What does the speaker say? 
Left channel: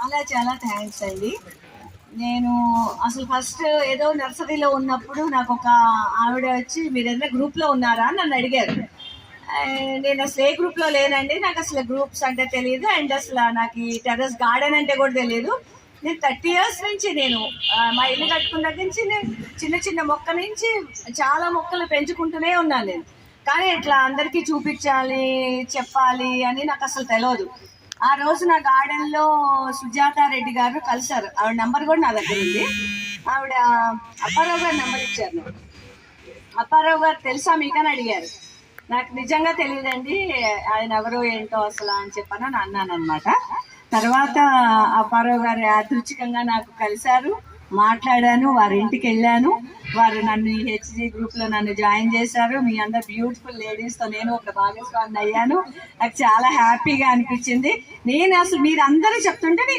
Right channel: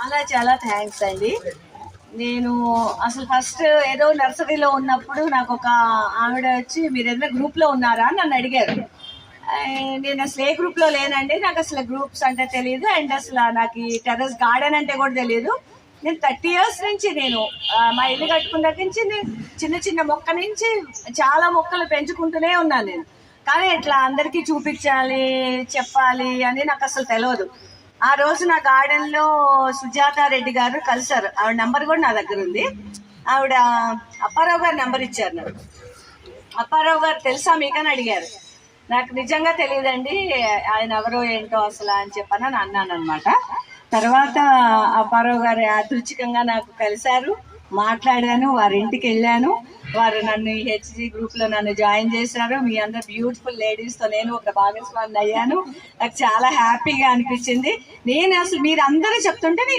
చాలా చాలా థ్యాంక్స్ అండి. నేను అసలు ఫస్ట్ ఏదో నర్సరీలో ఉన్నప్పుడు నాకు ఒక ఆవిడ వచ్చి మీరు ఏదైనా గ్రూప్లో ఉన్నారా అని నన్ను అడిగారు. నేను అసలు ఏ గ్రూప్లో లేనండి, నాకు అసలు గ్రూప్స్ అంటే తెలియదు, అండ్ అసలు నాకు ఈ టెర్రస్ గార్డెన్ అంటే కూడా తెలియదు. నేను 30 years నుంచి నేను మా ఇల్లు కట్టుకున్న దగ్గర నుంచి నేను చిన్న చిన్న మొక్క నుంచి చాలా మొక్కలు పెంచుకుంటూనే ఉన్నాను నేను. కానీ ఇట్లా అందరికీ చూపించాలి చెప్పాలి అని నాకు అసలు తెలియదు. ఆ రోజు నా గార్డెన్లో సుజాత రెడ్డి గారు కలిసారు. ఆవిడ నెంబర్ కూడా నా దగ్గర ఉంది. ఆవిడ అప్పారావు గారు నెంబర్ ఇచ్చారు నాకు. అప్పారావు గారు తెలుసా మీకని అడిగారు. నాకు నిజంగా తెలియదండి ఆయన ఎవరో ఏంటో అసలు అని చెప్పని అన్నాను అనమాట. తర్వాత అప్పారావు గారు యాదృచ్ఛికంగా నాకు కలిశారు, మాట్లాడాను, వారి ఇంటికి వెళ్ళాను. వారు నన్ను ఈ హెచ్జీ గ్రూప్లో నన్ను జాయిన్ చేశారు. మీ అందరు బ్యూటిఫుల్ లేడీస్తో నేను ఒక భాగస్వామిని అయ్యాను. నాకు చాలా హ్యాపీగా అనిపించింది. నేను అసలు మీరు అందరూ చెప్తుంటే